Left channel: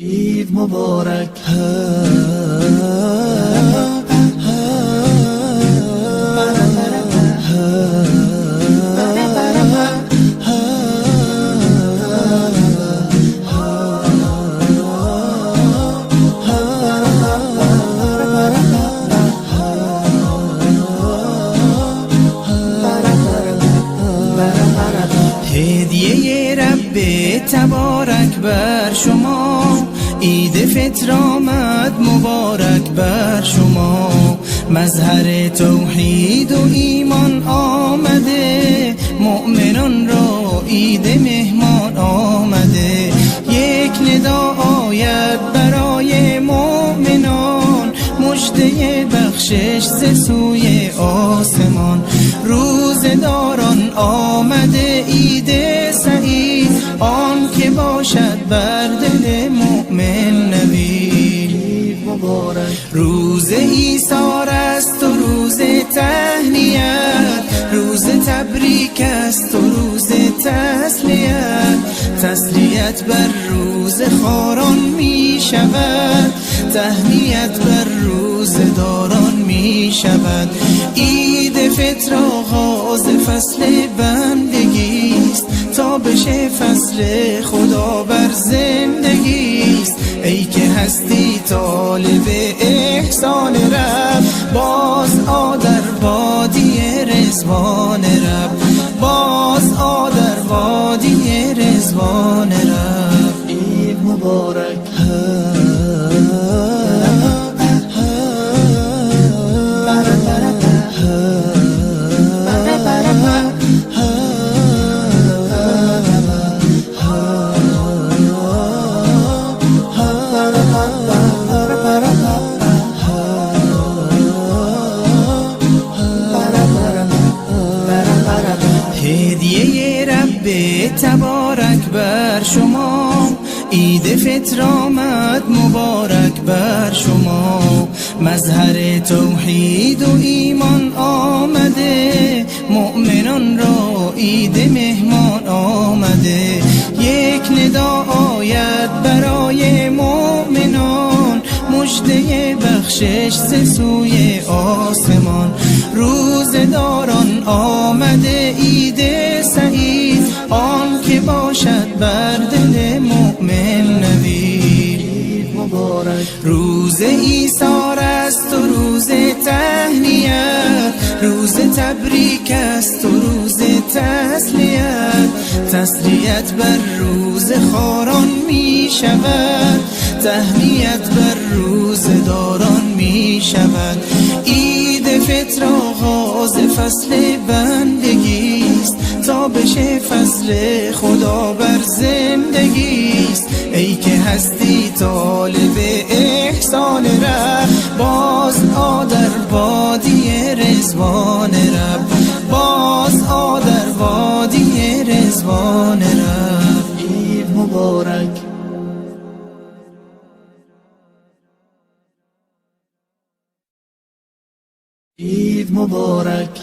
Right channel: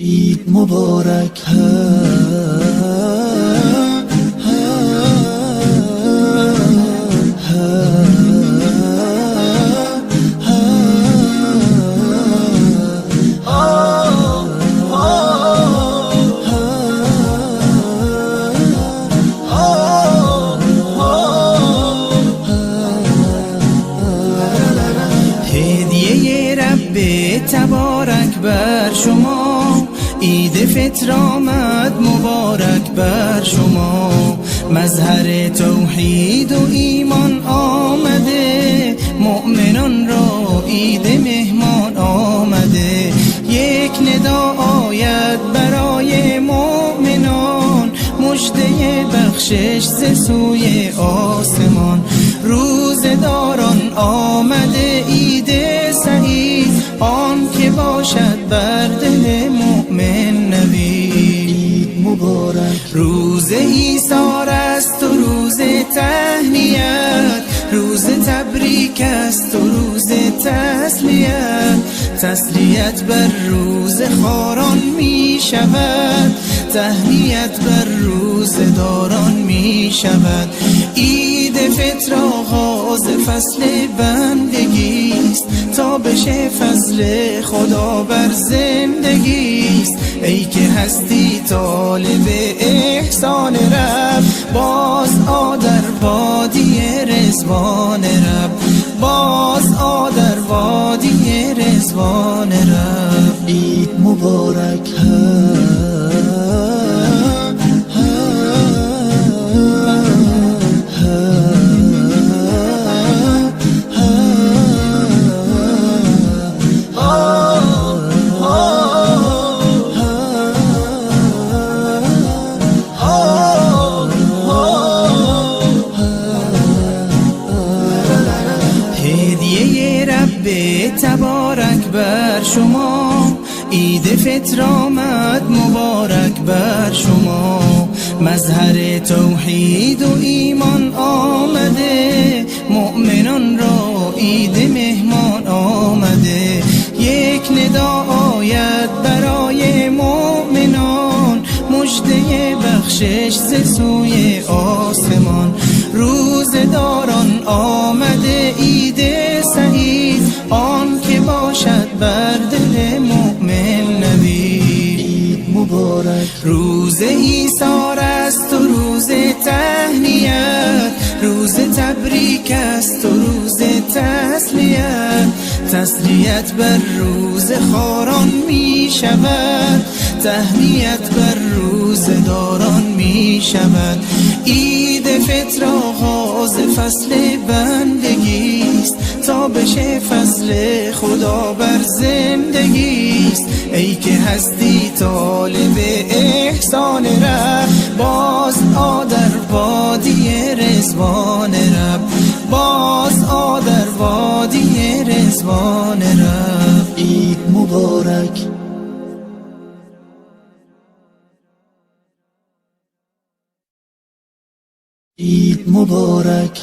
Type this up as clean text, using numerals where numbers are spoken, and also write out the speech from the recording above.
عید مبارک. هدیه رب تبارک بر شما، عید فطر آمد مبارک بر شما. مظهر توحید و ایمان آمده، مؤمنان را عید مهمان آمده. یک ندا آید برای مؤمنان، مژده بخشش ز سوی آسمان. روزداران آمده عید سعید، آن که باشد بر دل مؤمن نوید. روز ایثار است و روز تهنیت، روز تبریک است و روز تسلیت. تسلیت بر روز خاران می شود، تهنیت بر روز داران می شود. عید فطر آغاز فصل بندگی است، تا بشه فضل خدا بر زندگی است. ای که هستی طالب احسان رب، باز آ در وادی رضوان رب، باز آ در وادی رضوان رب. عید مبارک. هدیه رب تبارک بر شما، عید فطر آمد مبارک بر شما. مظهر توحید و ایمان آمده، مؤمنان را عید مهمان آمده. یک ندا آید برای مؤمنان، مژده بخشش ز سوی آسمان. روزداران آمده عید سعید، آن که باشد بر دل مؤمن نوید. روز ایثار است و روز تهنیت، روز تبریک است و روز تسلیت. تسلیت بر روز خاران می شود، تهنیت بر روز داران می شود. عید فطر آغاز فصل بندگی است، تا بشه فضل خدا بر زندگی است. ای که هستی طالب احسان رب، باز آ در وادی رضوان رب، باز آ در وادی رضوان رب. عید مبارک. عید مبارک.